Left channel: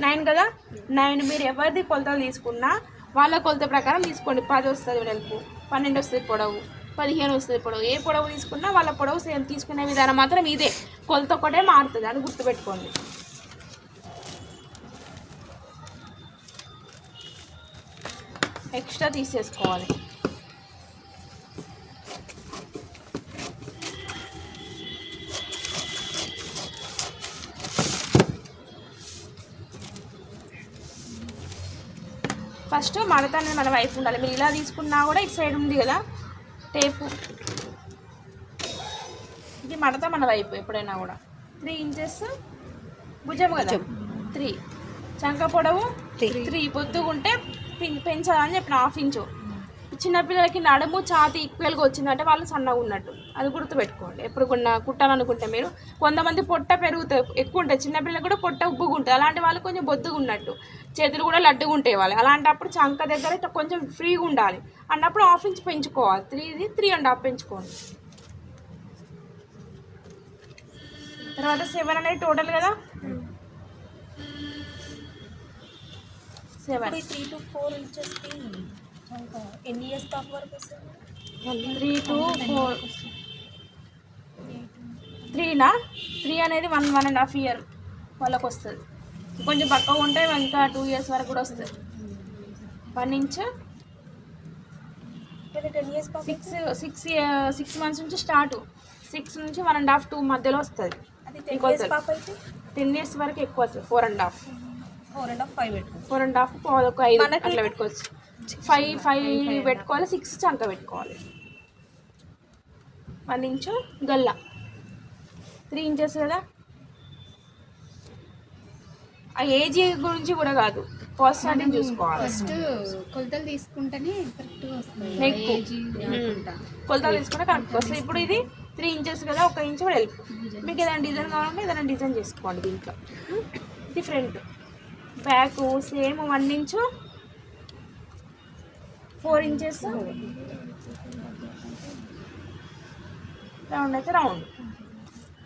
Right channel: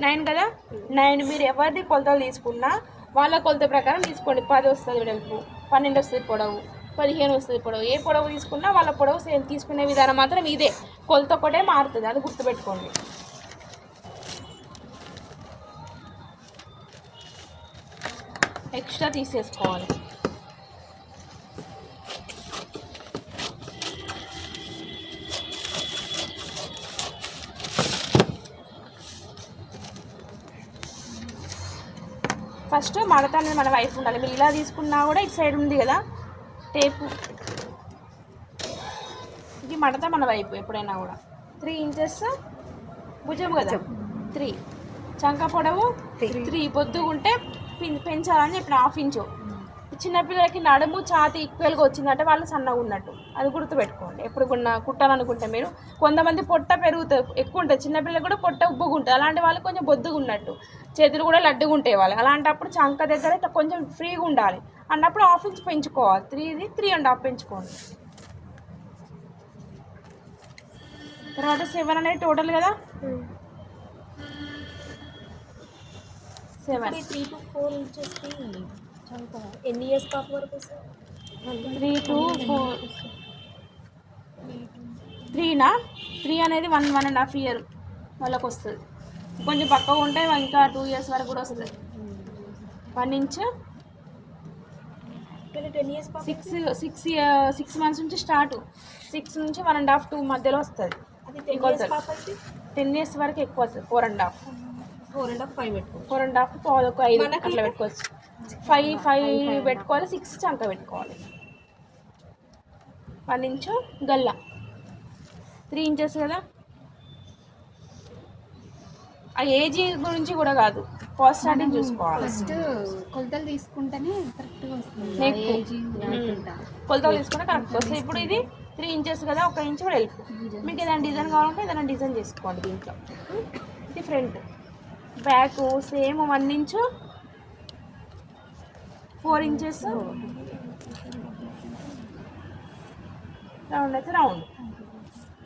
9 కదా, 9 మీరు ఎవరిది కొలతలు తీసుకున్నా వాళ్ళ కొలత ప్రకారం తీసుకోండి. 10 వస్తుంది వెడల్పు, 12 వస్తుంది పొడవు, 15 వస్తుంది పొడవు. ఏ పొడవు తీసుకున్నా వాళ్ళ పొడవు సేమ్. తీసుకునే విధానం మాత్రం ఇదే, కొలత ఒకటే మారుతుంది, అది గుర్తుపెట్టుకోండి. ఎక్స్ట్రా తీసేసుకోవాలి. ఫస్ట్ మడత అనేది మన వైపు ఉండాలి. మీరు ఇలా తీసుకున్నా కూడా ఇటు సైడ్ ఉంది కదా టేపు, ఇది మడత మన వైపు ఎప్పుడైనా కూడా. 3 ఇంచెస్ భుజం కదా, 3 చంక పొడవు 3 పొద్దుగుంటే పెంచాలని చెప్పిన 1/2 ఇంచు. చిన్నపిల్లలకి నడుము ఛాతి ఈక్వల్గా వచ్చిందంటే వాళ్ళు సన్నగా ఉన్నట్టు, అది గుర్తుపెట్టుకోండి. ఎప్పుడు కుట్టాలనుకుంటే మీరు, కొంతమంది పొట్ట పెరుగుతాయి ఎక్కువ ఉంటుంది, చిన్నపిల్లలకు కూడా పొట్ట ఉబ్బుగా ఉంటుంది, అలాంటి వాళ్ళు కొంచెం బొద్దుగా ఉన్నట్టు, చేతులు కూడా లడ్డుగా ఉంటాయి వాళ్ళు. అలాంటప్పుడు చంక దగ్గర కొంచెం ఫ్రీగా ఉండాలి అన్నప్పుడు 1/2 ఇంచు పెంచుకోవాలి. 3ది 3.5 పెంచుకోండి. తర్వాత 7 అనేది టోటల్ కదా, 7 3 to 4 ఇంచెస్కి ఎన్ని ఇయర్స్ పాప వరకు వస్తుంది? 3 to 4, 3నా 3 అనేది 1.5 ఇయర్ వాళ్ళకి వస్తుంది. కొంచెం పక్కగా ఉంటే ఇంకా 2 ఇయర్స్ వరకు కూడా వస్తుంది. 1 ఇంచ్ 10 ఇయర్స్ పాప 6 మంత్స్ నుంచి స్టార్ట్, 6 నుంచి 1.5 2 మధ్యలో వస్తుంది. అది 10 ఇయర్స్ పాప అయితే 10 ఇయర్స్ వరకు ఎక్కువ వస్తుంది. 4.5 5 పెట్టుకో, 4.5 ఒక 5 అట్లా పెట్టుకోవచ్చు. 5 పెట్టుకోవాలి, 6 చంక పెట్టుకోవాలి. 1 ఇంచు గల్ల, 3 ఇంచెస్ కదా. ఆ ఏజ్ గురించి కూడా కాదు, కాస్ట్ స్టార్టింగ్ చూసుకోవాలి. ఫస్ట్ కొలతలు తీసుకుంటేనే కరెక్ట్గా వస్తుంది. కొలతలు తీసుకుంటే కరెక్ట్ వస్తుంది. ఇప్పుడు ఇది 3 ఇంచెస్ కదా, 1 ఇంచు కూడా వెళ్పు. మీకు ఏదైనా డిజైన్ కావాలంటే ఏదైనా డిజైన్ చేసుకోండి దీంట్లో. ఇది front, back same 1 inch, 4 inches round అయితే రౌండ్,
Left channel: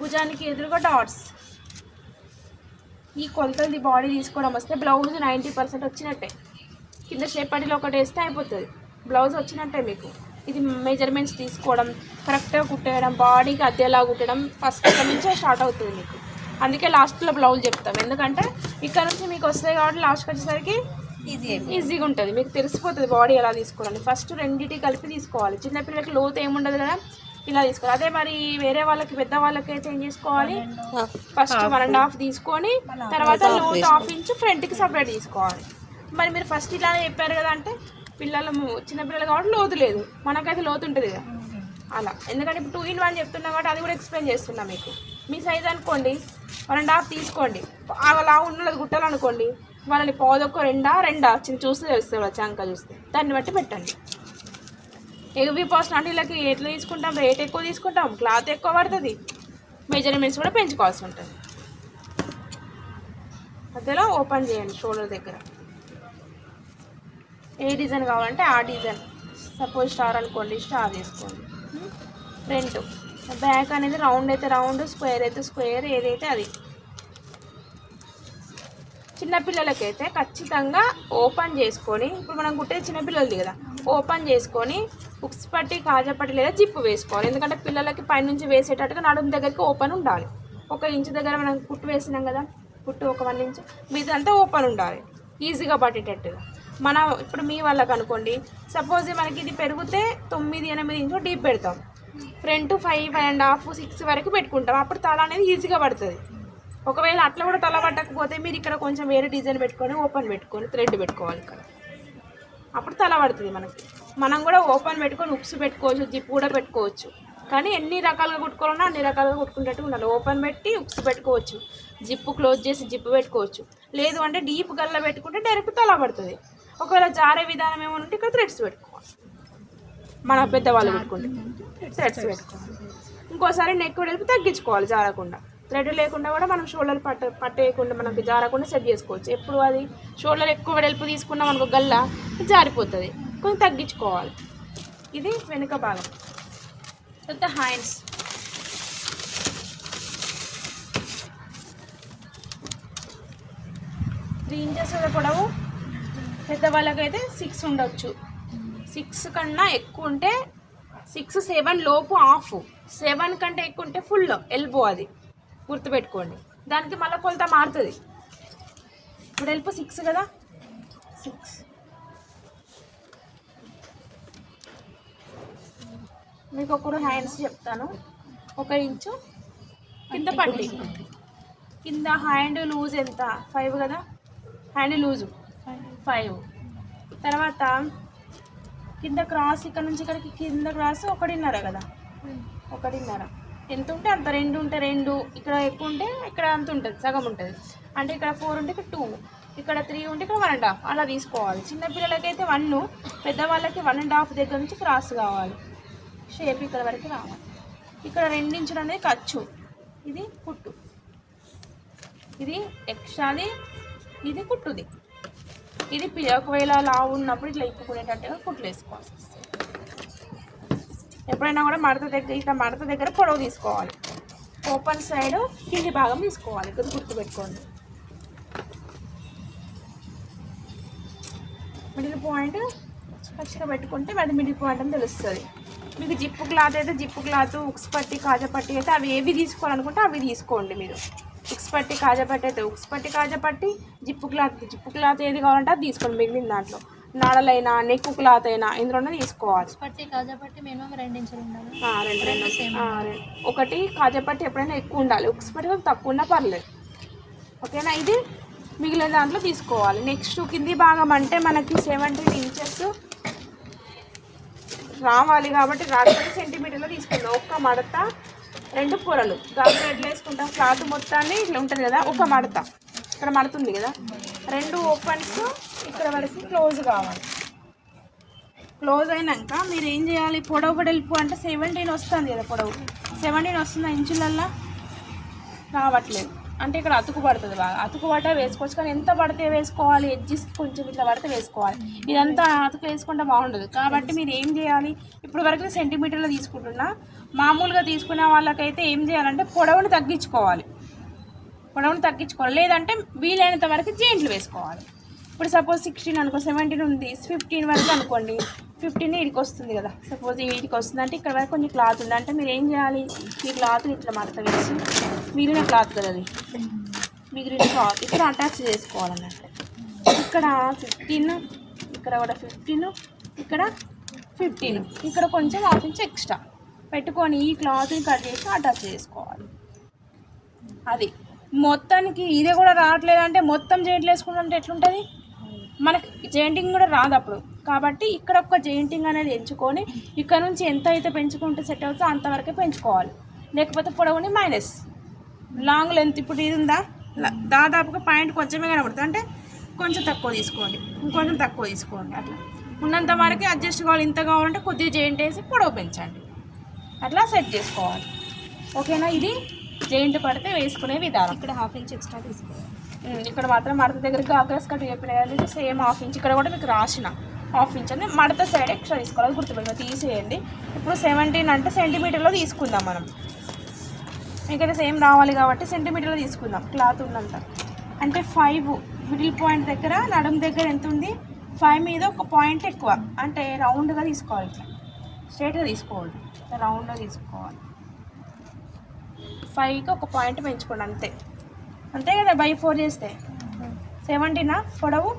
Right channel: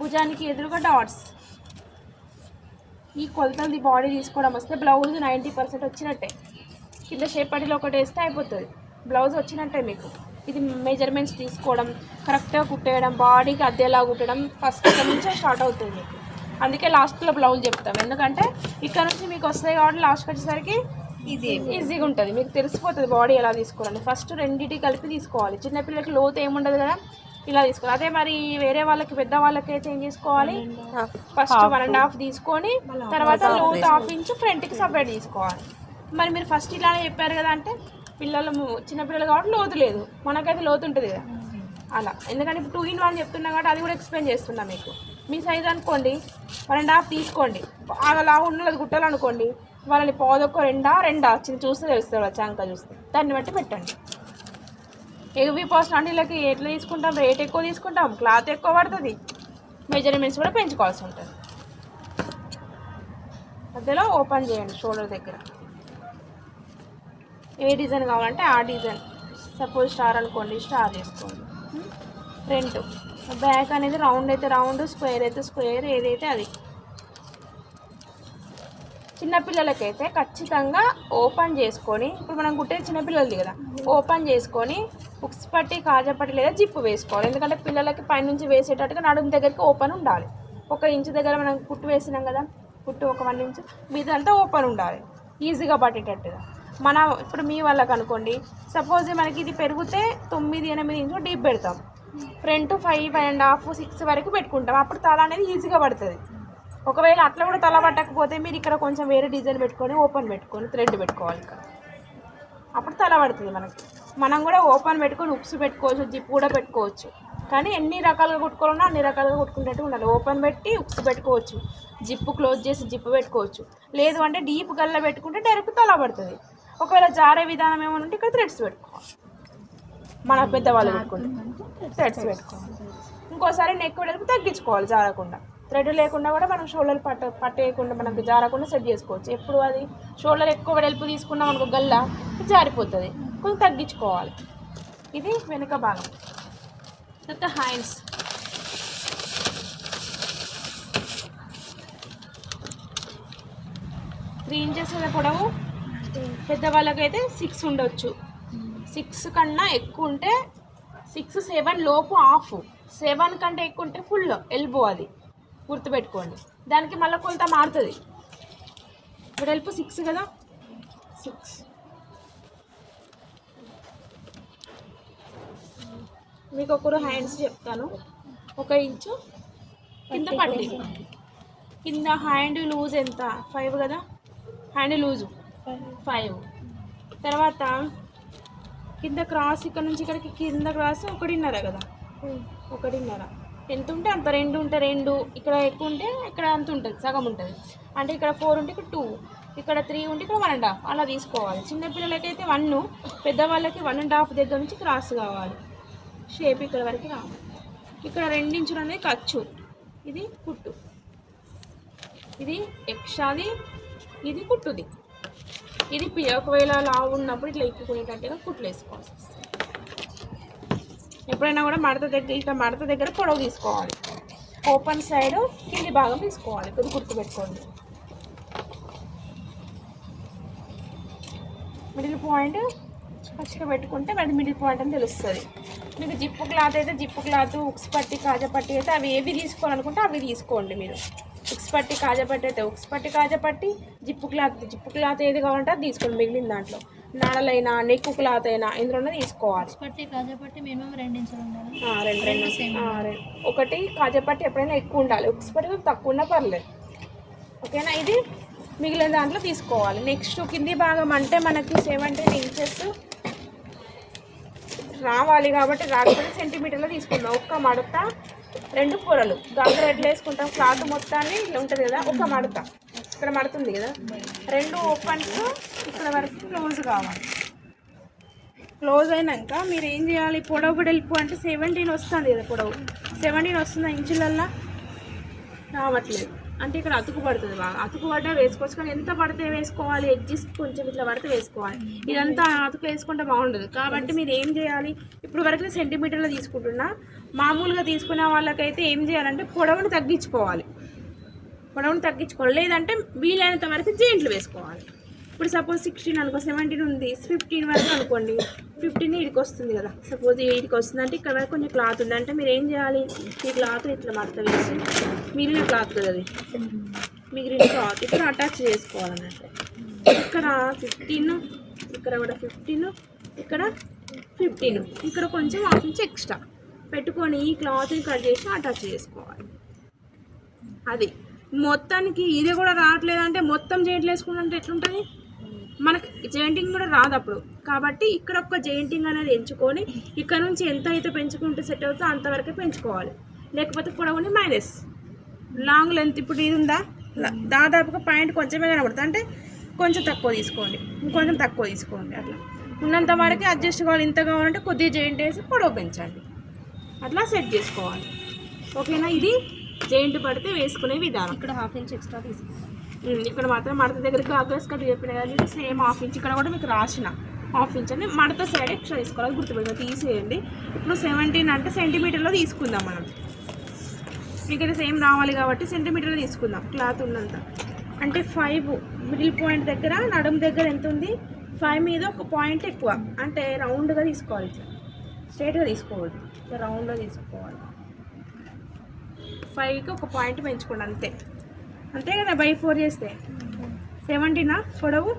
భుజానికి ఎదురుగా డాట్స్. ఈ కొలతలు బాడీ తీసుకోవడం వస్తే బ్లౌజ్ 90% వచ్చినట్టే. కింద షేప్ పట్టీలో ఒకటి వేస్తే అయిపోతుంది, బ్లౌజ్ వచ్చినట్టే మీకు. ఇది మెజర్మెంట్స్ తీసుకోవడం, కరెక్ట్గా కుట్టేయడం, బాడీకి అద్దెలా కుట్టడం ఫస్ట్ నుంచే స్టార్ట్ అవుతుంది మీకు. అందుకే లాస్ట్లో బ్లౌజ్ చెప్తాం, ఎందుకంటే ఇక్కడ నుంచి మీకు వస్తాయి కాబట్టి లాస్ట్కి వచ్చేసరికి ఈజీగా ఉంటుంది, మీకు తెలిసిపోతుంది బాడీ ఎలా తీసుకోవాలని. ఫస్ట్ రెండింటి కలిపి తీసుకోవాలి. చిన్నపిల్లలకి లోతు ఏముండదు కదా, ఇలా తీసుకోవాలి. అదే మరి వేరే వాళ్ళకి పెద్ద వాళ్ళకి అయితే ఏం చేసుకోవాలి, ఫస్ట్ 1.5 తీసుకొని తర్వాత లోతు 1/2 ఇంచు ఫ్రంట్కి సపరేట్ తీసుకోవాలి. మరి మీరు ఫస్ట్ ఇలానే చెప్పారు కదా అంటే పిల్లలు చిన్నపిల్లలు కాబట్టి లోతు లేదు, మనకైతే లోతు ఉంటుంది కదా అలా. ఎందుకంటే ఇప్పుడు 2 in 1 చెప్తున్నా కాబట్టి అది కూడా ఎక్స్ప్లెయిన్ చేస్తున్నా మీకు. మీ సైజ్ అనుకోండి 1.5 తీసుకోండి, అలా ఉన్నది కుట్టాలనుకోండి వాళ్ళని పోదొక్క 2 చిన్న చూస్తే తెలుస్తుంది, చంక చూస్తే దాన్ని బట్టి పెట్టండి. హెవీ పర్సన్ అంటే వీళ్ళకి ఎట్లా తీసుకుంటాం, రేట్ ఎక్కువ తీసుకుంటాం, క్లాత్ ఎక్కువ పడుతుంది, మెజర్మెంట్స్ కూడా పెంచుకోవాల్సి ఉంటుంది. మధ్యలో ఓపెన్ చేయండి షోల్డర్ దగ్గర. ఏ డిజైన్ కావాలంటే ఆ డిజైన్, సపోజ్ స్టార్ అనుకోండి స్టార్ చేసుకోండి. ఫ్రంట్ బ్యాక్ అనేది రౌండ్ అయితే రౌండ్, స్క్వేర్ అయితే స్క్వేర్, ఏదైతే అది. చిన్నపిల్లలకైతే ఖచ్చితంగా ఓపెన్ చేసుకొని, ఇప్పుడు మనం కుట్టేది చిన్నపిల్లలది కదా, ఓపెన్ చేసుకొని ఉక్స్ పట్టి కాజా పట్టి లేదా జిప్పు వేసుకోవాలి. ఎందుకంటే పిల్లలకి పైనుంచి వేసేటట్టుగా నడుము దగ్గరికి ఓపెన్ ఉండాలి. 1 ఇంచు దగ్గర మనం కుట్టు వేసినాం కదా, కుట్టు ఒక 1 ఇంచు మీదంతా ఓపెన్ ఉండాలి, ఈజీగా పట్టేటట్టుగా. ఇప్పుడు మీ వాళ్ళకి అనుకోండి, సపోజ్ మనకి ఇది పెరిగితే 9-8 ఇంచు డీప్ పెడతాం, ఫ్రంట్ 5.5 6 వరకు పెట్టుకుంటాం, అప్పుడు తల అనేది ఈజీగా పడుతుంది. ఒకవేళ అట్లా కూడా తల పట్టకపోతే మీరు ఇక్కడ కొంచెం వేరే డిజైన్ పెట్టుకొని ఓపెన్ పెట్టుకొని థ్రెడ్ పెట్టుకోవాలి ఇక్కడ, అప్పుడు తల పడుతుంది మనకి. మనం కూడా ఓపెన్ పెట్టుకొని ఉక్స్ పెట్టుకోవచ్చు, జిప్ కూడా పెట్టుకోవచ్చు, కానీ ఎన్ని రకాలుగా కుట్టుకోవాలన్నా అన్ని రకాలుగా కుట్టుకునేట్టు ఉండాలి. ఓపెన్ పెట్టి ఉక్స్ పెట్టుకోవచ్చు, జిప్పు క్లోజ్ చేసి జిప్పు పెట్టుకోవచ్చు, లేదు అంటే డీప్ గల్ల పెట్టుకుంటే డైరెక్ట్ తల పడుతుంది. ఒకవేళ జారే విధానం ఏమంటే ఇక్కడ థ్రెడ్స్ పెట్టుకోవాలి, మన పెద్దవాళ్ళు పెట్టుకుంటే థ్రెడ్స్ పెట్టుకోవాలి. ఇంకోసారి నెక్ వెడల్పు తగ్గించుకోవాలి జారకుండా, థ్రెడ్ లేకుండా కూడా మనం షోల్డర్ పట్టేయకుండా మనకు జారకుండా సెట్ చేసుకోవచ్చు. ఎప్పుడు అది షోల్డర్ ఎక్కువ వెడల్పు తీసుకున్నాం మనకు గల్ల జారిపోతుంది, కొంచెం తగ్గించుకోవాలి. ఇది వెనుక భాగం. తర్వాత హ్యాండ్స్, 3 ఇంచెస్ కదా పొడవు, పెద్దవాళ్ళకైతే 6 ఉండొచ్చు. 6 కన్నా ఎక్కువ ఉంటే 6, 7 లోపు హాఫ్, 7 కంటే ఎక్కువ ఉంటే ఫుల్ ఎల్బో. అది గుర్తుపెట్టుకోండి. దానికి మళ్ళీ కొలత మారుతుంది. వెడల్పు 6 కదా, 6. మీకు ఒకరు హ్యాండ్స్ చెప్తాను. 1 ఇంచు కింద పట్టి, కింద హ్యాండ్ లూజ్ ఎంత 5 కదా, హ్యాండ్ లూజు 5. తర్వాత కింద క్రాస్, ఇక్కడ నుంచి ఇక్కడికి కింద క్రాస్ 1.5 కదా, 1.5 ఎంత ఉంటే అంత. 2 ఉంటే 2, ఇక్కడ ఎక్కువ ఉంటే ఇక్కడ అంత ఉంటుంది, సగం ఉంటుంది. అంటే ఇక్కడ 4 ఉంటే ఇక్కడ 2, ఇక్కడ 3 ఉంటే ఇక్కడ 1.5 అలా తీసుకోవాలి. చిన్నపిల్లలకైతే 1, పెద్దవాళ్ళకి 1.5 దగ్గర నుంచి క్రాస్ కావాలి. షేప్ ఇక్కడ వరకు రావాలి. ఇక్కడ 2 ఇంచులు అనేది ఖర్చు, ఇది కుట్టు, ఇది ఎక్స్ట్రాది, ఇది కుట్టుది. ఇది ఒకవేళ లావు ఉన్నప్పుడు ఇట్లా ఇప్పుకునేటట్టుగా కుట్లు వేసుకోవాలి. ఎప్పుడైనా కూడా మడత దగ్గర, ఇట్లా మడత దగ్గర పొడవు తీసుకోవాలి. ఓపెన్ సైడ్ కింది భాగం తీసుకోవాలి. ఇది గుర్తుపెట్టుకోండి. మిడిల్ పాయింట్ ఫస్ట్గా పెట్టుకుంటే అది మిడిల్ పాయింట్ అని తెలుస్తుంది. మీకు జిప్పు క్లాత్ అయితే జిప్పు క్లాత్, ఉక్స్ పట్టి, కాజా పట్టి అయితే అవి ఏవి తీసుకోవాలనుకుంటే అవి తీసుకోండి. మీరు ఉక్స్ పట్టి, కాజా పట్టి అయితే ఉక్స్ పట్టి, కాజా పట్టి, జిప్పు క్లాత్ ఏది కావాలంటే అది తీసుకోండి. మిగిలిన దాంట్లో నాడలైనా, నెక్ క్లాత్ అయినా ఇందులోనే తీసుకోవాలి. పట్టి కాజా పట్టి మినిమం 2 ఇంచులు ఉండాలి. 2 ఒకటి కాజా పట్టి ఎప్పుడైనా ఎక్కువ ఉండాలి, ఉక్స్ పట్టి కొంచెం తక్కువ ఉన్నా పర్లేదు. ఓకేనా? ఇది మిగిలిన దాంట్లో తీసుకోవాలి. నెక్స్ట్ కింది భాగం అంటే మనకి 17 ఇంచెస్ రావాలి కాబట్టి 40 సెంటీమీటర్లు తీసుకుందాం. ఒక్క మడత, 2 పొరలు. దాంట్లో ఎట్లా వేసుకుంటాం, క్లాత్ మొత్తాన్ని ఇట్లా ఉంటుంది కదా, ఒక మడత ఇక్కడ మడుతుంది కదా, 2 ఓపెన్స్ ఇక్కడ వరకు క్లోజ్ కావాలి. క్లోజ్ అయినాక మీరు ఏం చేయాలి, పొడవు వెడల్పు అంటే 17 వస్తుంది కదా, పొడవు 17 వస్తుంది. ఇంచులల్లో రావట్లేదు అంటే ఇక్కడ అతుకు పడుతుంది. బాగా అతుకు పడ్డా వేసుకోవచ్చు, కానీ ఎంత పడితే వేసుకోవాలి, ఎడ్జెస్ కొంచెం ఇట్లా పడితే వేసుకోవాలి. ఇదంతా అతుకు వేసుకుంటే బాగుండదు. కాబట్టి మీరు ఏం చేయాలి, ఇప్పుడు వరకు సెంటీమీటర్లు తీసుకుంటున్నా, మామూలుగా తీసుకునే వాళ్ళకైతే ఏం చేయాలంటే పొడవును తగ్గించుకోవాలి. లేదంటే వీలైనంత వరకు జాయింట్లు వేసుకోవాలి. ఇప్పుడు సపోజ్ 16 అనుకో, 17 ఉంది, 15 వరకు అనుకోండి, 15 వీడికి వస్తుంది కదా. సపోజ్ వీడికి వస్తుందంటే ఇక్కడ వరకు కొంచెం క్లాత్ ఉంది అంటే మీరు ఏం చేయాలి, ఈ క్లాత్ ఇట్లా మడత వేసి, మిగిలిన క్లాత్ కదా అది, మిగిలిన క్లాత్ ఇక్కడ అటాచ్ చేసుకోవాలన్నట్టు. ఇక్కడ 15, ఇక్కడ కూడా 15, ఇక్కడ 15, ఇక్కడ కొంచెం 1/2 ఇంచ్ ఎక్స్ట్రా పెట్టుకొని ఈ క్లాత్ని కట్ చేసి అటాచ్ చేసుకోవాలి. అది మొత్తానికి ఇది కూడా రావట్లేదంటే మొత్తం జాయింట్లు వేసుకుంటే ఎట్లుంటుంది, మనకి జాయింటింగ్ కూడా రాదు అప్పుడు. కాబట్టి ఇక్కడ ఒక జాయింటింగ్ అనేది ఎంచుకొని ఇక్కడ నుంచి ఎంత అయితే పెంచుకుంటే సెట్ అవుతుందో అంతవరకే పెంచుకోవాలి. లేకపోతే పొడవుని మైనస్. లాంగ్ లెంత్ ఇప్పుడు ఇది ఉందా, దాదాపుగా పాయింట్ కొంచెమే కనబడుతుంది అంటే కొంచెం తక్కువ తీసుకోండి, ఇంకొంచెం తక్కువ తీసుకోండి. అట్లా ఉన్నంత వరకు అడ్జస్ట్ కావాలి. ఇంత కావాలంటే కొద్దిగా జాయింట్ వేసి పొడవు పెంచండి, అట్లా సెట్ చేసుకోవాలి. ఓకేనా? ఇది జాయింట్ పడితే వేసుకునే విధానం. ఇక్కడ 1/2 ఇంచ్ ఎక్స్ట్రా తీసుకోవాలి. ఇక్కడ మాత్రం మడత దగ్గరికి ఆగ్రెస్ కట్ చెప్పినాయి, సేమ్ 1/2 ఇంచ్. ఇక్కడ కూడా మీకు రాసిన 1/2 ఇంచ్ అని మడత సైడ్ ఎక్స్ట్రా తీసుకోవాలి, గుర్తుపెట్టుకోవాలి. తీసేయండి. ఇప్పుడు 17 అంటే సెంటీమీటర్లో తీసుకుందాం మనం. మీకైతే సేమ్ రావాలి కాబట్టి సెంటీమీటర్లో తీసుకుందాం. క్లాత్ ఉన్నంత అంటే 5 మిడిల్ పాయింట్ దగ్గర, నడుము దగ్గర ఎంత ఉంది, 5 మీద ఒక పాయింట్ ఎక్కువ అంటే రౌండ్గా తీసుకోవాలి. ఇట్లా స్ట్రైట్గా తీసుకోవద్దు, ఇట్లా రౌండ్గా తీసుకోవాలి. 5కి ఒక పాయింట్ పెంచుకోండి, అంతే కదా. బై 4 చేస్తే 17 పొడవు,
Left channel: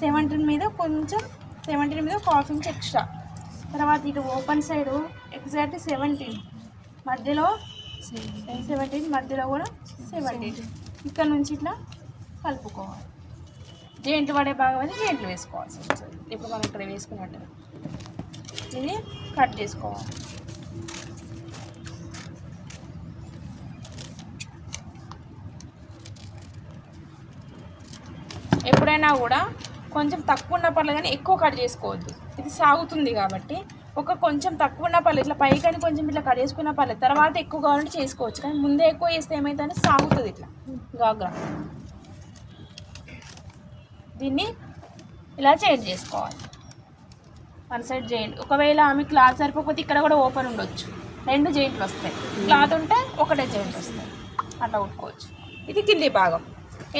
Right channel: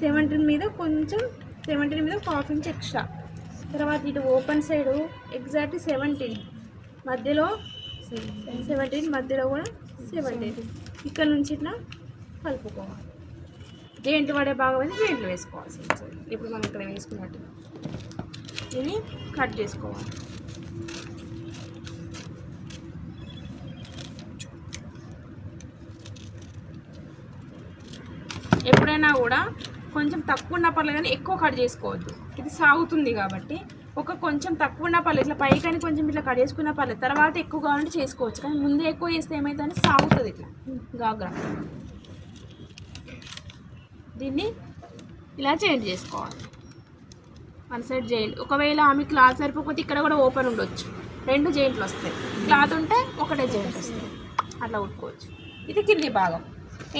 17 మీద కొంచెం, 17 మీద ఒక 1/2 ఇంచ్ ఎక్స్ట్రా. తర్వాత ఇటు ఓపెన్ సైడు ఎగ్జాక్ట్ 17 మధ్యలో, 17 మధ్యలో కూడా 17. ఇక్కడ నుంచి ఇట్లా కలుపుకోవాలి. జాయింట్లు పడే భాగం అయితే జాయింట్లు వేసుకోవాల్సి వస్తుంది. ఇప్పుడు మనం ఇక్కడ వేసుకున్నట్టుగా ఇది కట్ చేసుకోవాలి. ఎప్పుడైనా కూడా కొంచెం తక్కువ ఉన్న పర్లేదు కానీ ఎక్కువ కట్ చేసుకోవద్దు. ఇది సాగుతుంది కాబట్టి కొంచెం తక్కువ ఉన్న పర్లేదు, ఇట్లా పైకని కొంచెం ఇట్లా కట్ చేసుకున్న పర్లేదు. తర్వాత ఎక్కువ కావాలంటే చేసుకోవచ్చు, కానీ ముందే ఎక్కువ చేస్తే ఏమైతుందంటే సాగుతుంది ఇట్లా గాగా. దీన్ని ఇలా జాయింట్ చేసుకోవాలి. 1 సైడ్ జాయింట్. ఒకవేళ ఆమె క్లాత్ సరిపోతే ఇక్కడ కూడా ఓపెన్ ఉండొచ్చు, 2 జాయింట్లు వస్తాయి. క్లాత్ ఉంటే ఒకటే జాయింట్ వస్తాయి, అట్లా కుట్టుకోవచ్చు. ఇది కింది భాగం.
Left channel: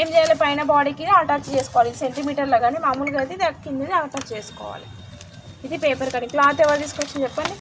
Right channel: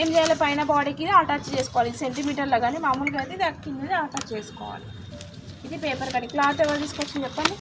ఏం చేయాలి, పైన బాడీకి అటాచ్ చేసుకోవాలి సెంటీమీటర్లో, కానీ మామూలుగా అయితే ఇది కిందది అటాచ్ చేసుకోవాలి. ఇది పేపర్ కటింగ్. క్లాత్ ఎవరు తీసుకొచ్చి చెప్పండి.